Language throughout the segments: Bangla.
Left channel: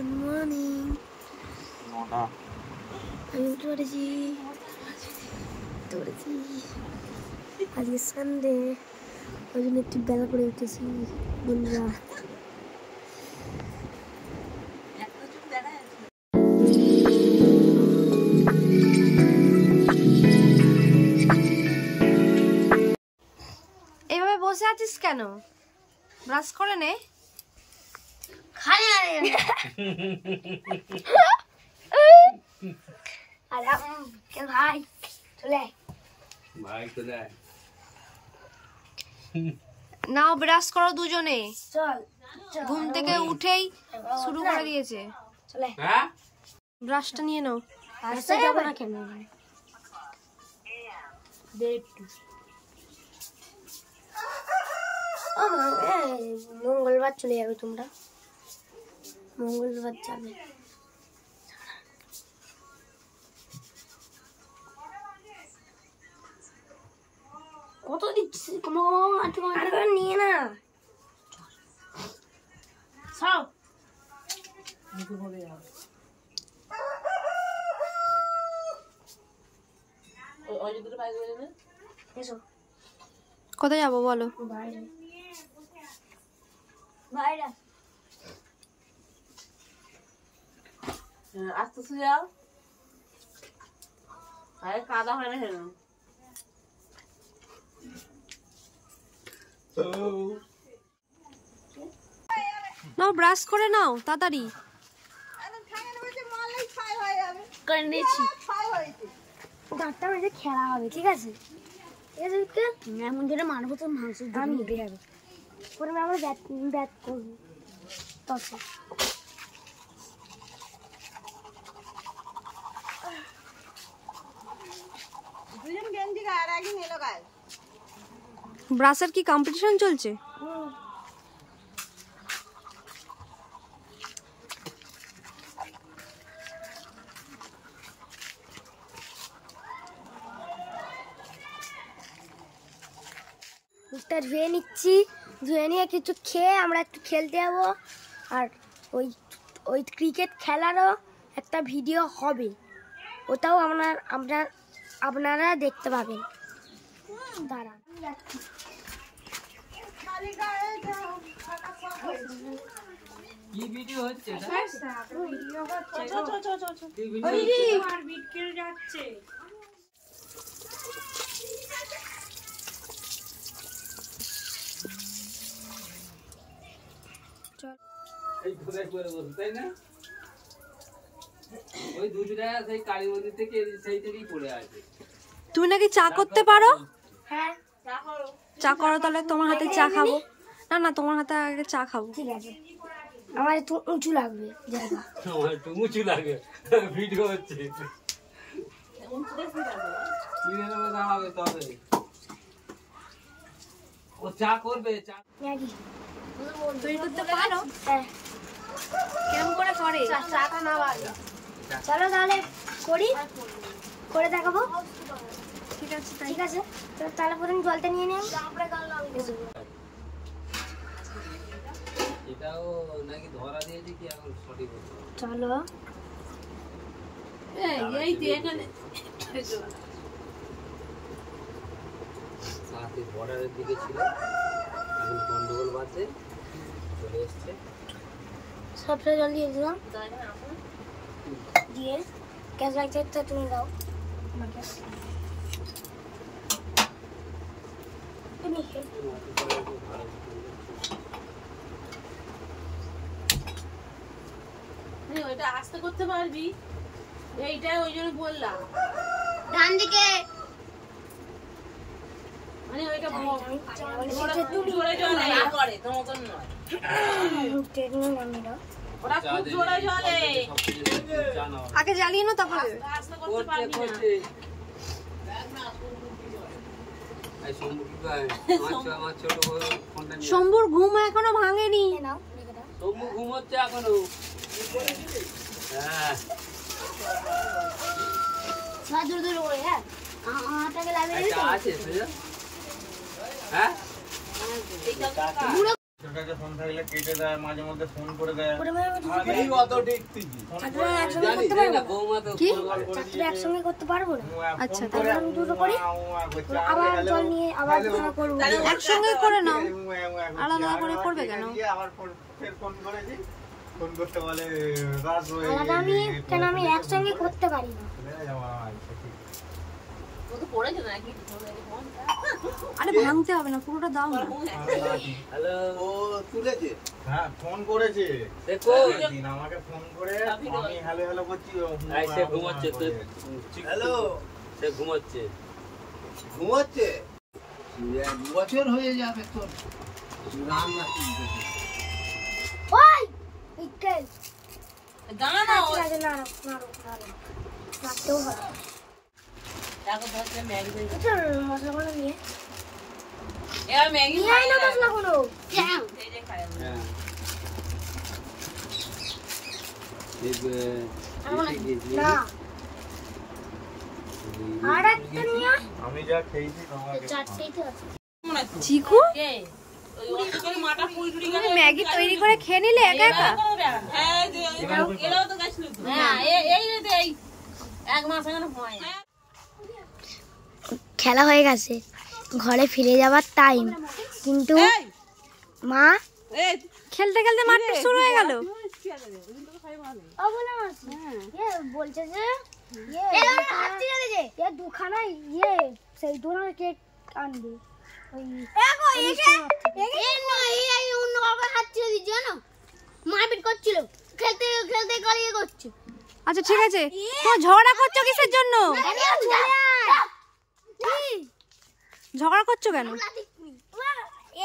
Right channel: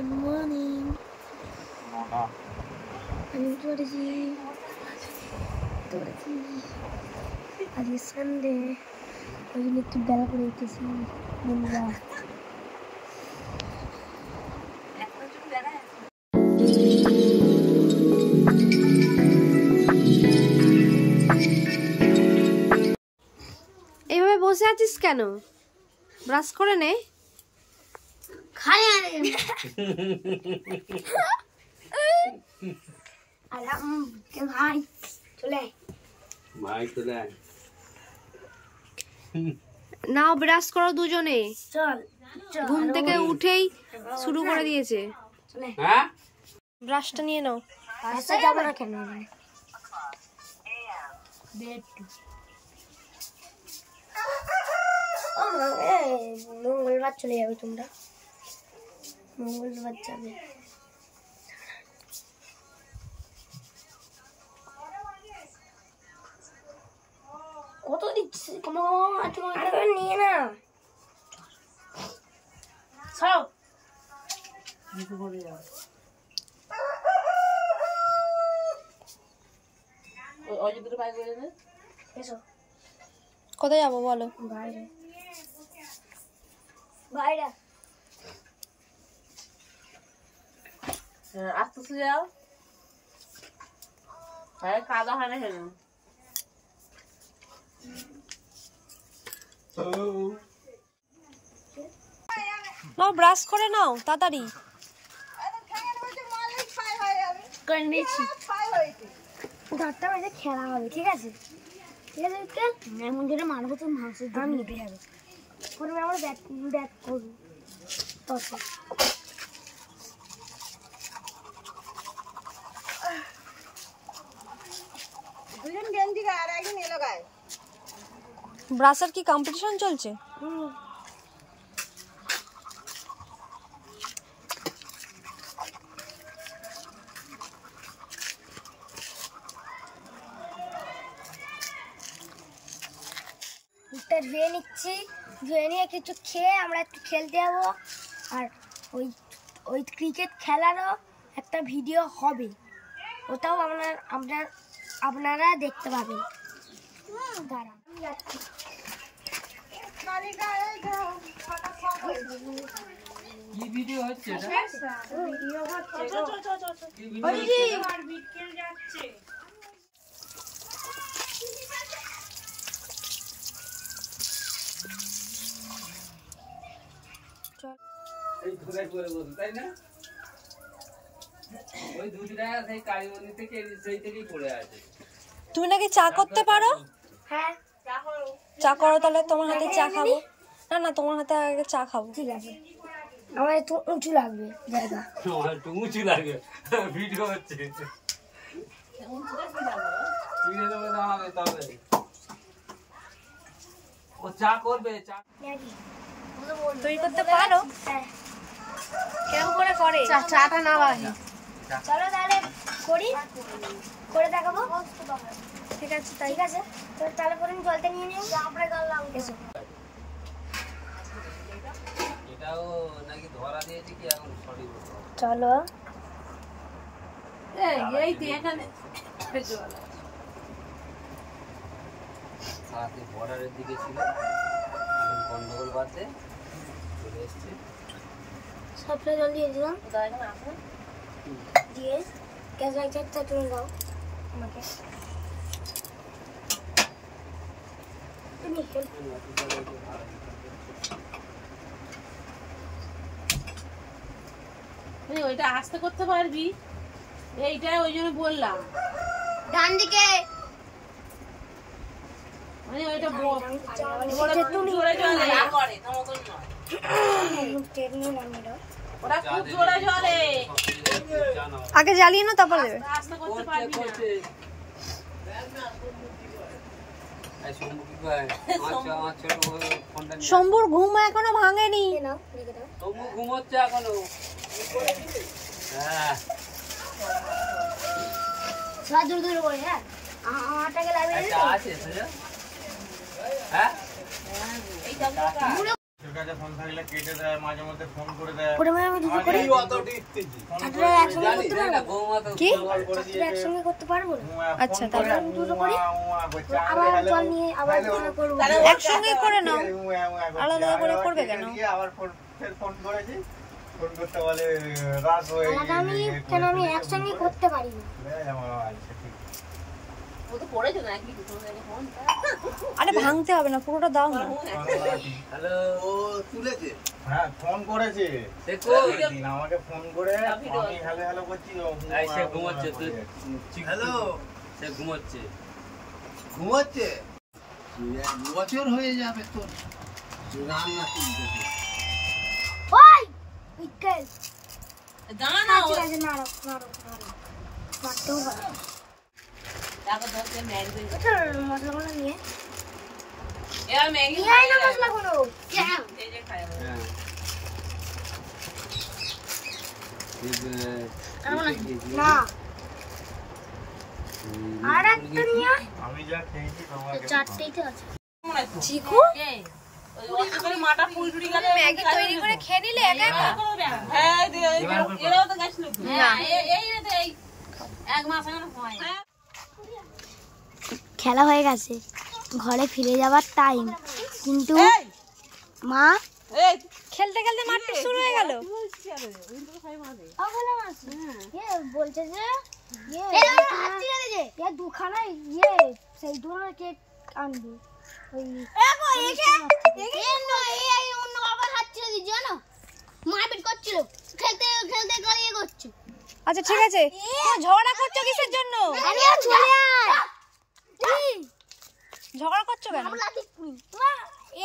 Good morning. আমি উঠে পড়েছি আজকে সানডে, ওই জন্য একটু বেলা করে উঠেছি বন্ধুরা। এইভাবে বসে আছিস কেন? ব্রাশ করে নে। খালি ভাই চলে নাও ব্রাশ করো দুজনে। চল ঘুম থেকে উঠেই শুরু করে দিয়েছে। চলে ব্রাশটা নিয়ে নাও। রাস্তা যাবো না কেন? মঙ্গলবার চলে যাবে তোমরা, মঙ্গলবার যাবে। কত দিচ্ছি নিয়ে না সব কোথায় যাবো বলো? বাইরে বাইরে আসতেছে যাও, কাদা হয় না কেন? নাও ব্রাশ করে নাও তাড়াতাড়ি। করে নিয়েছি, দাঁতটা বেঁধে খেলা হবে, ঠিক আছে? ঠিক আছে, এমন ধরে মারবো তো মানুষের দাম উঠে যাবে। পরে আমার ব্যাট করবো তখন। ব্রাশের কি কম্পিটিশন চলছে? ধুয়ে নিচ্ছি, ধুয়ে নিয়ে কিছু খেয়ে আমরা একটু খেলতে যাবো। আর ওই ক্রিকেট খেলারও একটা ভিডিও হবে, ওটাও আপনারা দেখতে পাবেন। দাঁড়ান কি ভিডিও হচ্ছে? ভিডিও হচ্ছে যাচ্ছে। এই ধরে করে বলতো তাই না? ওই দুধটা সেই কালীমন্দির থেকে সেই থেকেই পড়ে আছে। তুমি নাকি চা করতে পারো? হ্যাঁ চা করো, তাহলে তোমার হাতে চা খাবো। না না, তোমার হাতে আগে চা খাবো। ঠিক আছে, আমার একটু উঁচু লাগবে জায়গা। আমার একটু উঁচু লাগে, ভিডিও হচ্ছে। তাহলে ও চা করবে, চা তৈরি করতে পারো? হ্যাঁ, কেমন করে করে? চাটা না ভাই, চলো তাহলে করে দেখাবো। ঠিক আছে তাই। ঠিক আছে, তাহলে প্রথমে জলটা নিয়ে নিই। এসো এটাও নাকি ধরা দিয়েছে কি এখন সঠিক বলতে হবে। চলো এই তো এখানে সাথে বর্ডারের দিকে ছিল, এখন গন্ডগোল বাদে চলে এসছে। সবটা জল দিয়ে দিলাম, দিয়ে গ্যাস লাইটারটা তুমি দাও আমাকে। তুমি ওইটা আস্তে করতে পারবি, এইটাই ওই জন্য বললাম। ডান দিকে মানে ওইটা তুমি জোরে জলে করে তো মতন নয়, টেকনি নাম দাও। ওরা খুব জোরে জলে আগে জ্বালিয়ে নাও, তারপর দেবে। আস্তে করতে পারবি না। শম্ভুর ঘুম এখনো ভাঙেনি। নাও লিখে দাও। তবু ঘুমোচ্ছে এখনো। হ্যাঁ, সবাই দূর দূর করে। হ্যাঁ, আমারটাকে লাগিয়ে দিবি তো? আছে হ্যাঁ। করে আমি কিছু করে চারটে একসঙ্গে করতে পারবো কি চারটে একসঙ্গে করতে পারবো না আচ্ছা তাহলে আমি দুটো করে আবার জল নিয়ে আবার দুটো করবো একসঙ্গে করে নাও আলাদা করে করবে কেন আলাদা আমি কেন আমি একসঙ্গে করতে পারি না ও তো পড়েছে নাকি আরে ভাঙতে হবে না পুরোটা দাও না হ্যালো ও তুলেছে হ্যাঁ ফোন করেছে সে কই দিন আমাকে ফোন করে আমি হ্যালো হ্যালো বলছি এই সে ঘুমাচ্ছে তুই হ্যালো সে ঘুমাচ্ছে ঘুমাচ্ছে বছর হয়ে যাবে তোর রান্না করতে ওই ইটেল জানা না ও না না না মারতেও পারে টাকা 10 টা ম্যাগি দিয়ে চল মশলাগুলো নিয়ে এ ম্যাগি নিয়ে আয় না মশলাগুলো এই যে খায় হ্যাঁ না আর একটা নিয়ে আয়। আমি যা খেয়েছি তোমাকে চারটেই তো আছে মনে তো চিকু কে ওই অসুখের মাটা পুরি গেল ম্যাগি তৈরি করে খেয়ে নিলে একা একা হ্যাঁ এরাও তো গাছ লোক না এই এক মাস আগে হয় খেলা হয়ে গেছে ঘরে ফিরে যাবার টাইম কিন্তু মা এই খেলতে খেলতে মারপিট শুরু হয়ে গেল বলছে যে দুখানা সেই ধরনের কেক আনবে মারপিট করছিল খেলতে খেলতে গড়িয়ে করছে আচ্ছা ঠিক আছে তুমি ঝগড়া করছো কিসের জন্য ঝগড়া করছো কেন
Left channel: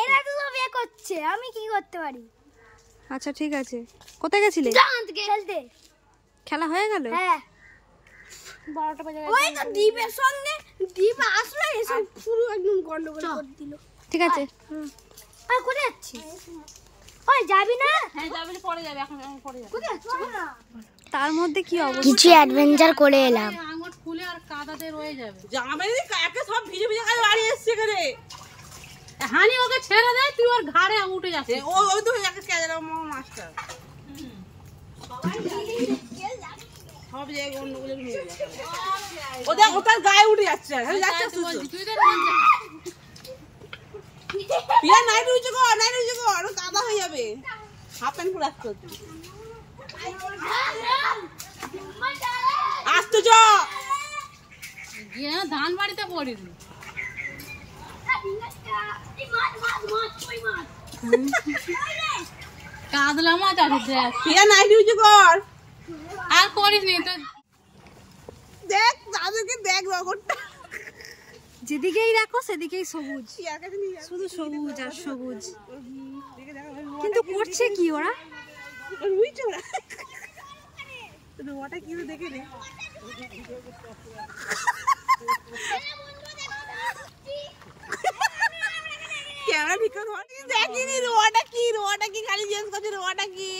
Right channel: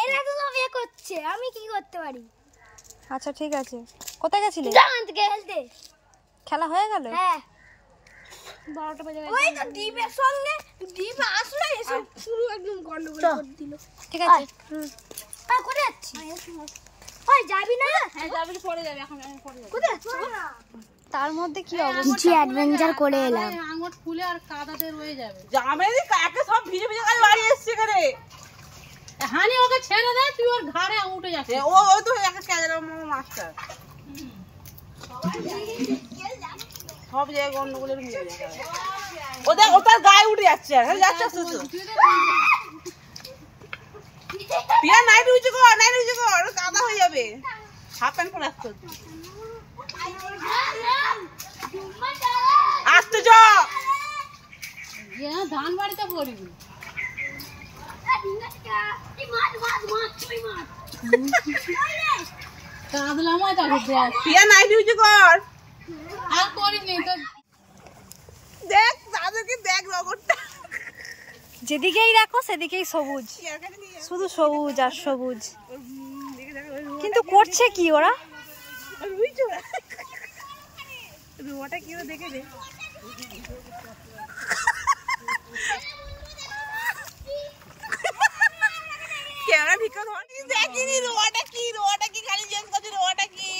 এরা তো সব এ করছে আমি কি করতে পারি আচ্ছা ঠিক আছে কোথায় গেছিলে খেলতে খেলা হয়ে গেল হ্যাঁ 12টা বাজে ওই তো দীপের সঙ্গে দীপ আসলে এসব শুরু একদম গন্ডগোল করে দিল ঠিক আছে আর কোথায় যাচ্ছিস ওই যাবি না হ্যাঁ যাবি পরে যাবে এখন পরে যাবে কোথায় যাচ্ছিস তার মধ্যে কি অবস্থা কিছু অ্যাডভেঞ্চার করে এলাম আঙুর ফুলে আর কাদাতে রয়ে যাবে জামাই কাকে সব ভিজে ভিজে কাজ বাড়ি এসছে এখানে হানি ওকে ছেড়ে দে তুই ওর ঘাড়ে উঠে যাচ্ছে ও ওই তো একটা ক্যাজের মাস্টার সব জায়গায় গন্ডগোলের হয়ে যাচ্ছে ওদের ওটার গায়ে উঠে যাচ্ছে যাচ্ছে পিয়া নাই রুইছে গো কাদা হয়ে যাবে হাফ প্যান্ট পরে আসতে হচ্ছে আসতে চ ধান বাড়িতে পড়ি কাঁদলাম পিয়া নাই রুইছে কর আর করিস নি তো দেখ দাদুকে দেখ রগরটা যেদিকেই রাখো সেদিকেই সবুজ শুধু সবুজ আর সবুজ কিন্তু করছে কি ওরা রুয়াটা কি দেখে রে ক্যামেরা ঠিক করে দেখিনি রুয়াটা কি খালি জিজ্ঞেস করছি রুয়াটা কি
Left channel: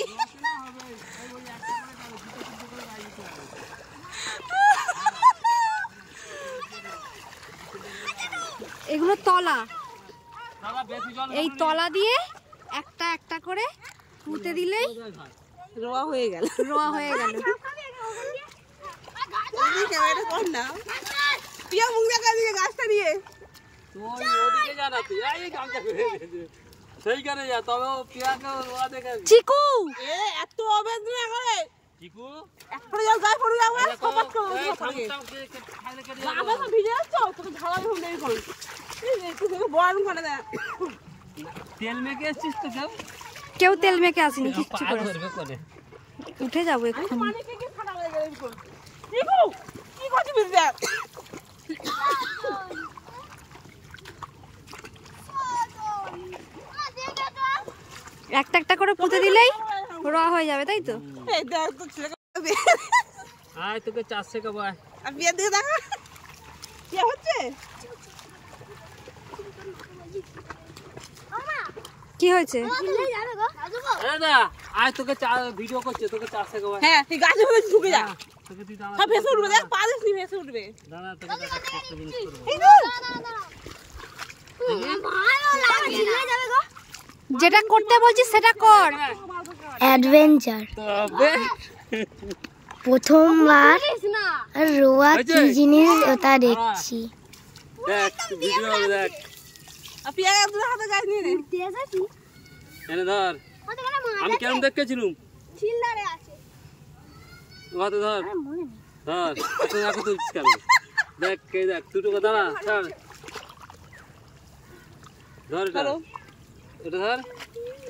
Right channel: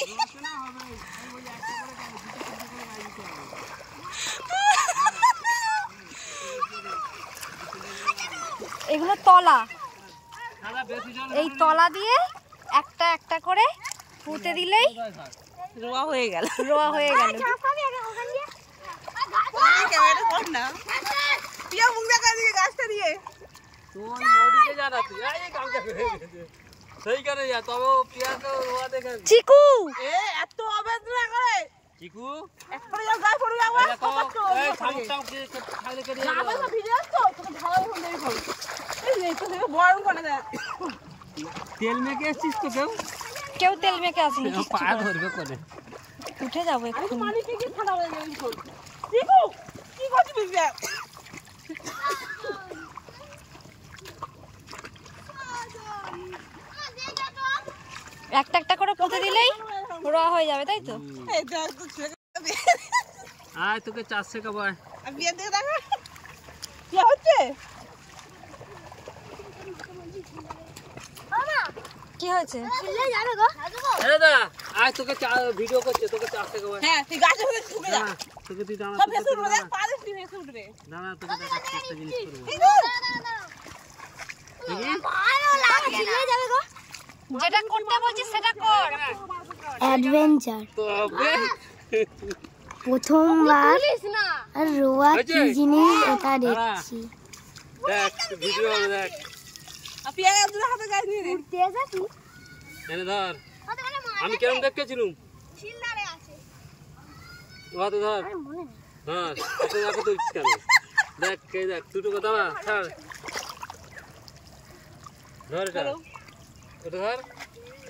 এগুলো তলা এই তলা দিয়ে একটা একটা করে পুঁতে দিলেই রোয়া হয়ে গেল ক্যামেরাটা কর না পিয়া মুখ দেখা দিকে গাছটা দিয়ে তুই ওদিকে যা না তুই এই কামটা করে সেইখানে যা তবে ও পিয়াকে রোয়া দেখে চিকু এ এত অবেদ না করে চিকু একটা যা গায়ে পড়ে যাবে এই সামুটাও খাইলে করে আবার সব ভিজে যাচ্ছে তোকে ঝালা এখন দেই কই এই তো থেকে বরণ করে দে তেল মেখে এসছিস তো কেউ তেল মেখে আসেনি কিচ্ছু পা করে ধরবে কোনে উঠে যাবো এখন পানি থেকে ঠান্ডা হয়ে যাবে এখন দেখো কি করছিস বেটা একটা একটা করে পুঁতে দিলেই রোয়া হয়ে যাবে তাই তো এই দেখ তো ছেলে আয় তোকে 4 টাকা পায় আর বিয়ে দিয়ে দেখা কি হচ্ছে কি হয়েছে এ দা আয় তোকে ভিডিও করছে তোকে 4 টাকা পায় হ্যাঁ তুই গাছে হয়ে ঢুকে যা তোকে তুই দাঁড়া সব ভেসে উঠবে দেখ পা দিস নি ভেসে উঠবে দাঁড়া তোকে একটা জিনিস করব যেটা করতে বলছিস সেটা কর। অ্যাডভেঞ্চার প্রথমবার রোয়া কি জিনিস ওটা দেখছি। দেখ ভিডিও দেখ এনে ধর আমি কেমন দেখেছিলাম ধর ধর এত দেখো তুলছিস কেন? দেখ কে দেখ দুটো কথা ছাড় ধর এটা ধর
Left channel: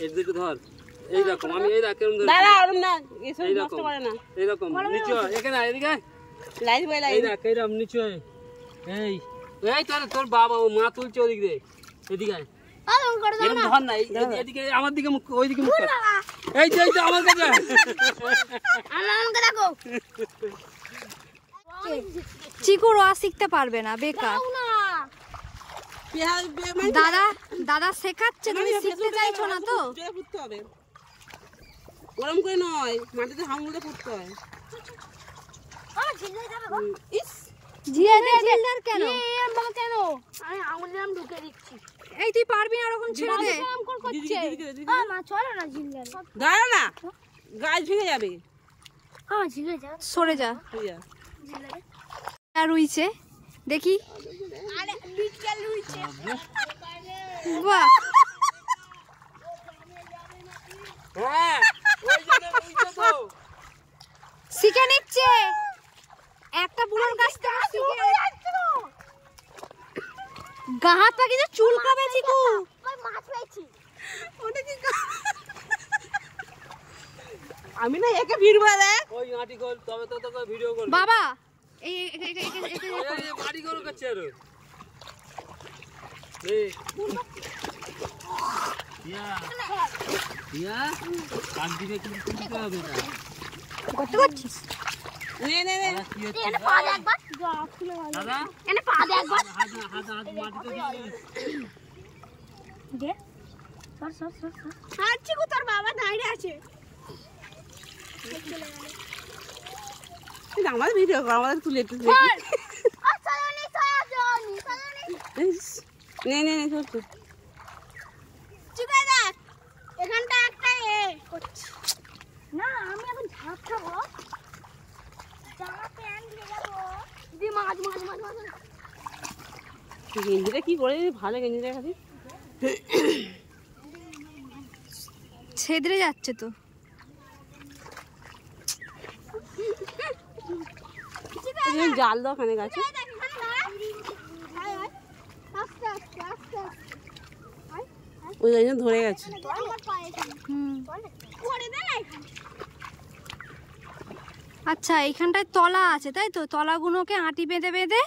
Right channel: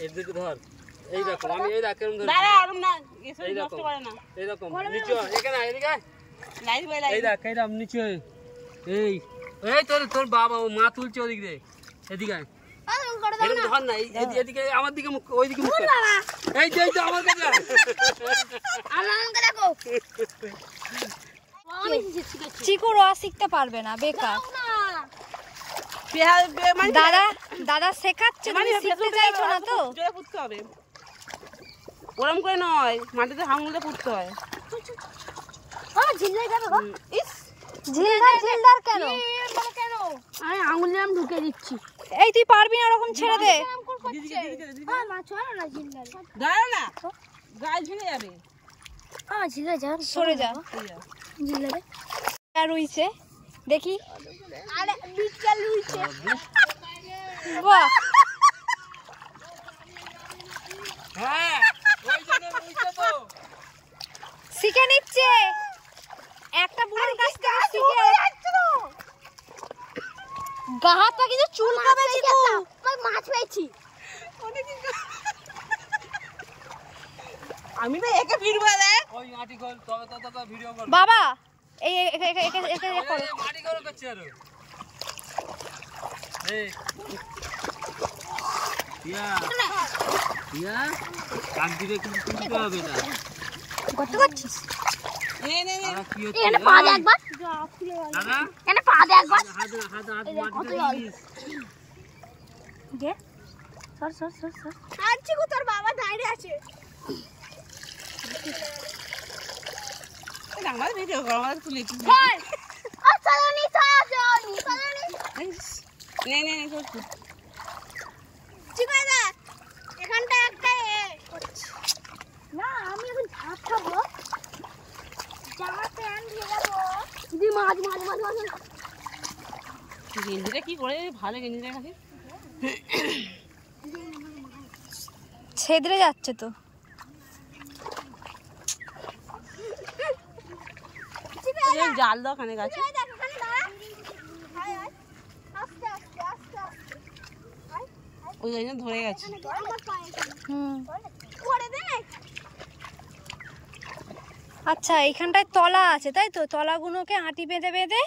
এই দুটো ধর এইরকম আমি এই দেখ কেমন ধর এইরকম নিচে এখানে এদিকে এই দেখ এইরকম নিচে এই এই তোর বাবা ও মা তুলছে ওদিক দিয়ে এদিকে এরকম ধর না এদিকে আমার দিকে মুখ ওই দিকে মুখ এই যে আমার কাছে চিকু রোয়া শিখতে পারবে না, বেকার। দাদা শেখাচ্ছে, তুমি শিখতে চাইছো না তো? ওরম করে নয়, মাটিতে আঙুলে পুঁততে হয়। ঝিলদার কেন? আমি আঙুল নাম ঢুকে দিচ্ছি। এই তুই পারবি না, ওরকম ছেড়ে দে। দাঁড়া না, গায়ে ঝুঁকে যাবে। সরে যা। রুইছে দেখি, বাহ শিখে নিচ্ছে একটা বুড়োর কাছ থেকে শিখে। গাহাটা কিন্তু চুলকাবে চিকু। মাছ পেয়েছি। আমি না একে ভিড়বো রে। ওই মাটি কল তবে তো তোকে ভিডিও করব বাবা। এই মাটি করো কাছে আর এই ইয়া কাট দিলে কিন্তু তুলতে হবে না। কত করছিস? নে কি হচ্ছে এনে পা দে একবার। দাদা এনে পা দে একবার। হাত মাটিতে দিস দে সর। আর চিকু তোর বাবা দাঁড়িয়ে আছে। আমার ভিডিও কর, আমার তুলে দিস। আচ্ছা নি নে চিকু দেখ এখানটা একটা না আমি এখন ভাত খাবো। জামা প্যান্ট লাগাবো। দি মাছ গেঞ্জিটা কি করে ভালো গেঞ্জিটা খালি ছেদরে যাচ্ছে তো। জাল দাও খানে গাছে। ওই জন্য ধরে গেছে। আচ্ছা এইখানটায় তলা আছে তাই তো? তলাগুলোকে আঁটি বেঁধে বেঁধে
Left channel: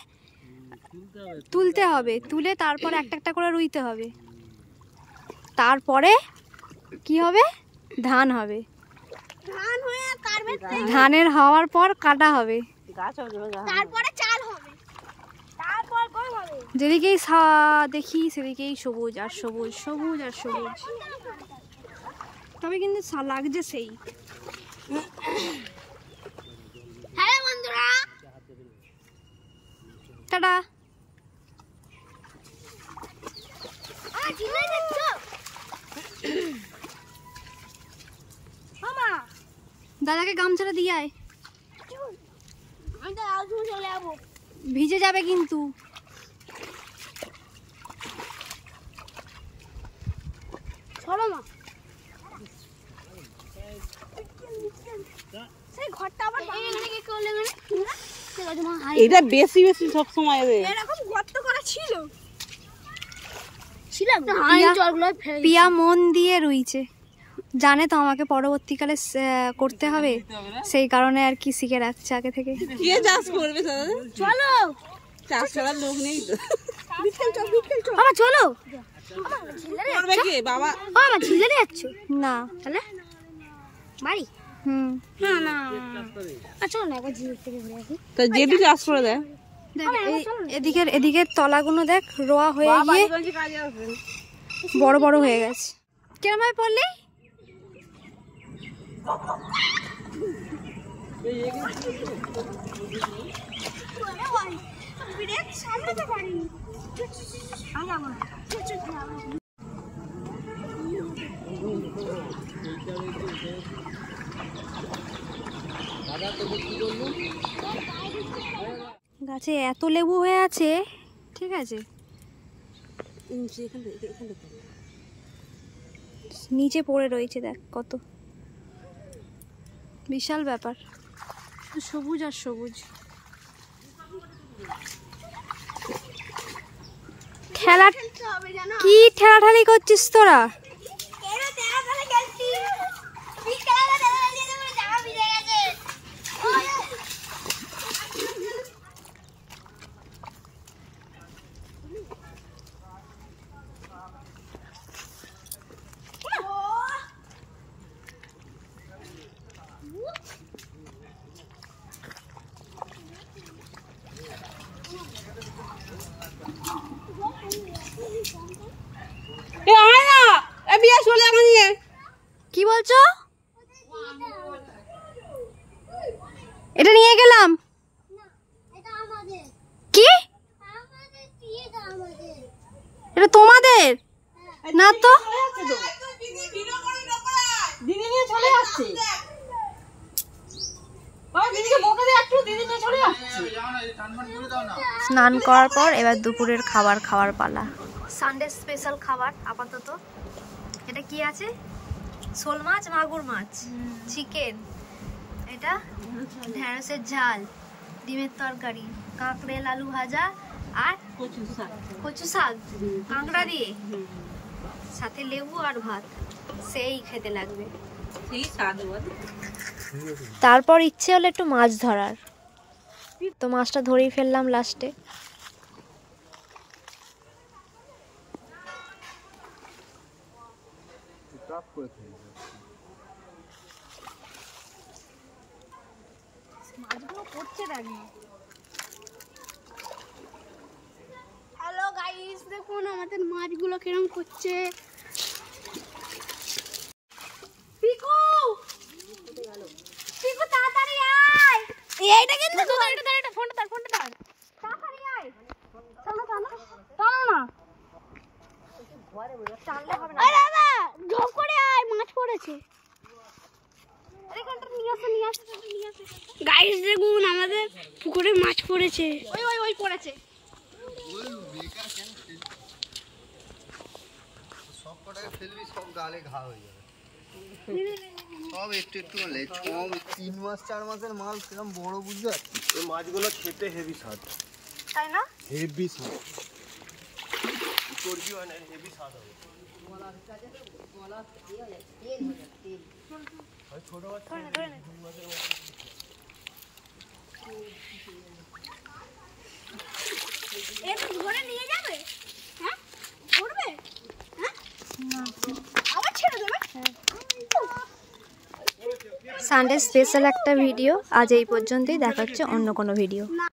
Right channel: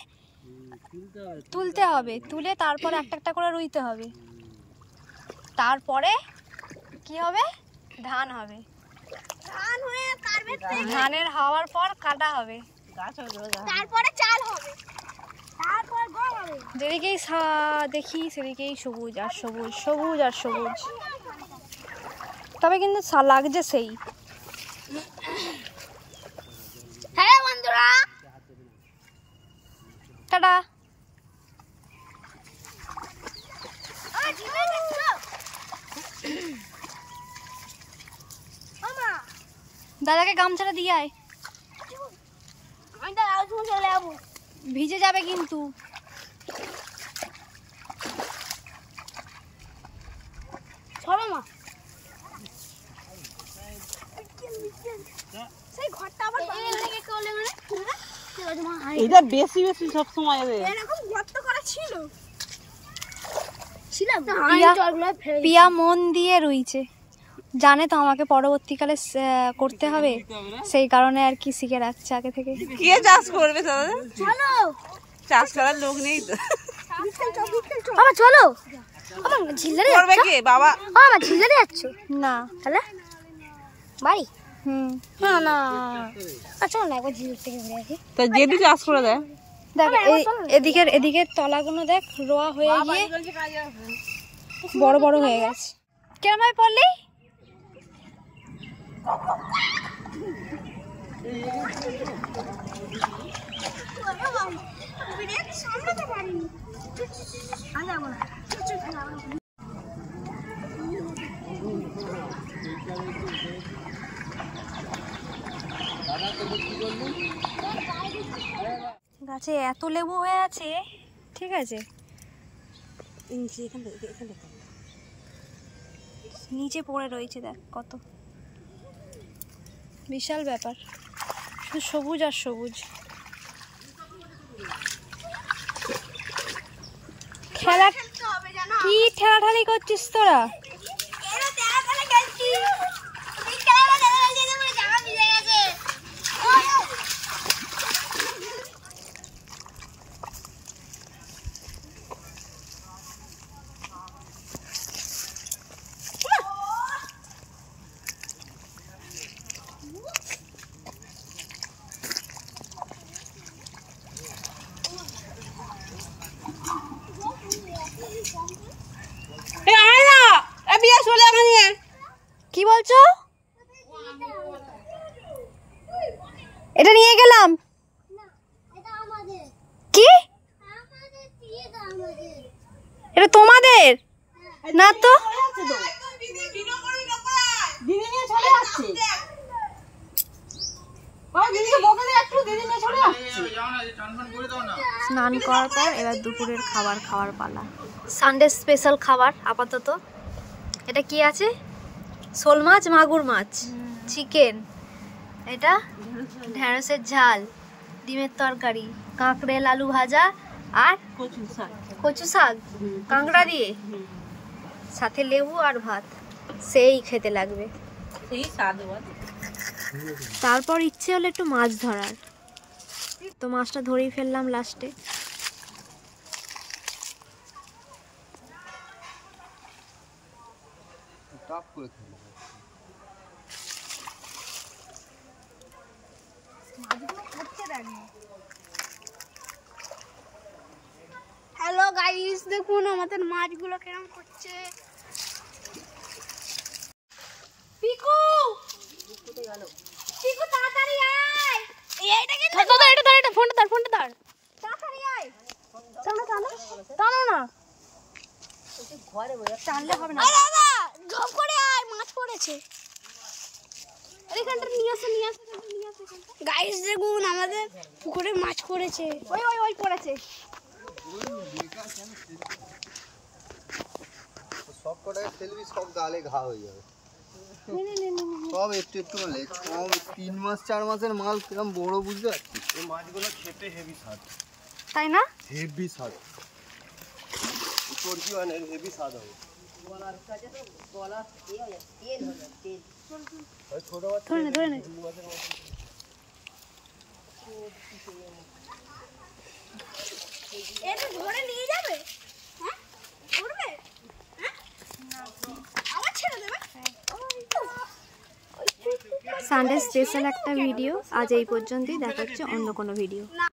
তুলতে হবে, তুলে তারপর একটা একটা করে রুইতে হবে। তারপরে কি হবে? ধান হবে। ধানের হওয়ার পর কাটা হবে, তারপরে চাল হবে, তারপর গম হবে। যেদিকেই দেখি সেদিকেই সবুজ আর সবুজ, সবুজ আর সবুজ। তবে কিন্তু লাগছে সেই। হ্যাঁ বন্ধুরা, টাটা। দাদাকে গামছাটা দিয়ে আয়, ভিজে যাবে কিন্তু। চলো না, সেই ঘরটা আবার এটা বেশি সব সময় এরকম গর্ত করা ছিল। পিয়া মন দিয়ে রুইছে, জানে তো আমাকে পরবর্তীকালে করতে হবে, সেই কারণে আর কি শিখে রাখছে আগে থেকে। কে চাষ করবে? চলো, চাষ করার লোক নেই তো। বাবা চলো। করবে কে? বাবা। বাবা ঝিলারে যাচ্ছ না তাহলে বাড়ি? না না, চলো না একবার ঝিল থেকে ঘুরে আসি। তো যেটি চাষ করে দেয়। দেখ এদিকের তলাগুলো দেখ রোয়া হয়ে গিয়ে বড় বড় হয়ে গেছে। কেমন ভাবে পড়লি? গাছে এত লেবু হয়ে আছে, ঠিক আছে, নিচে পড়ে রয়েছে, দেখ কত বিশাল ব্যাপার, শুধু সবুজ আর সবুজ। খেলা কি ঠেলাঠালি করছিস তোরা? কি বলছো? এটা নিয়ে গেলাম কি? এটা তোমাদের না তো? স্নান করার পর এবার দুপুরের খাবার খাওয়ার পালা। সানডে স্পেশাল খাবার আপাতত। এটা কি আছে? শোল মাছ, মাগুর মাছ, চিকেন, এটা ঢেঁড়সের ঝাল, ডিমের তরকারি, কাঁকড়েল আলু ভাজা আর কচু শাক কাঁকড়া দিয়ে, সাথে লেবু আর ভাত। সেই খেতে লাগবে। তারপর ইচ্ছে হলো একটু মাছ ধরার, তো মাছটা ধরেই ফেললাম লাস্টে। হ্যালো গাইস, দেখুন আমাদের মাছগুলো কিরকম করছে। পিকু, পিকু তাড়াতাড়ি আয়। এইটা কি? ধর ধর, এটা ধর, এটা ফোনটা ধর, ফোনটা ধর, তাড়াতাড়ি আয়। টানো টানো টানো না, টানলে হবে না। আরে দাদা, ঝপ করে আয়, মাছ পড়েছে। এইখানটা নিয়ে আসো, নিয়ে আসো, নিয়ে আসো। গাইস দেখুন আমাদের পুকুরে মাছ পড়েছে। ওই ওই ওই পড়েছে। সব কটাকে ফেলবি, সব গালে ঘা হয়ে যাবে। সব একটু একটু হলে 3 মাস 4 মাসের মাছ কিরকম বড়, বুঝতে পারছিস? এই মাছগুলো খেতে হেভি স্বাদ, তাই না? হেভি স্বাদ, করবি মানে হেভি স্বাদ হবে। ধরে নে। এটা ধরে নিয়ে যাবে? হ্যাঁ ধরবে? হ্যাঁ আবার ছেড়ে দেবে? সানডে স্পেশাল একটা ভিডিও আজ এই পর্যন্তই। দেখা হচ্ছে অন্য কোনো ভিডিও।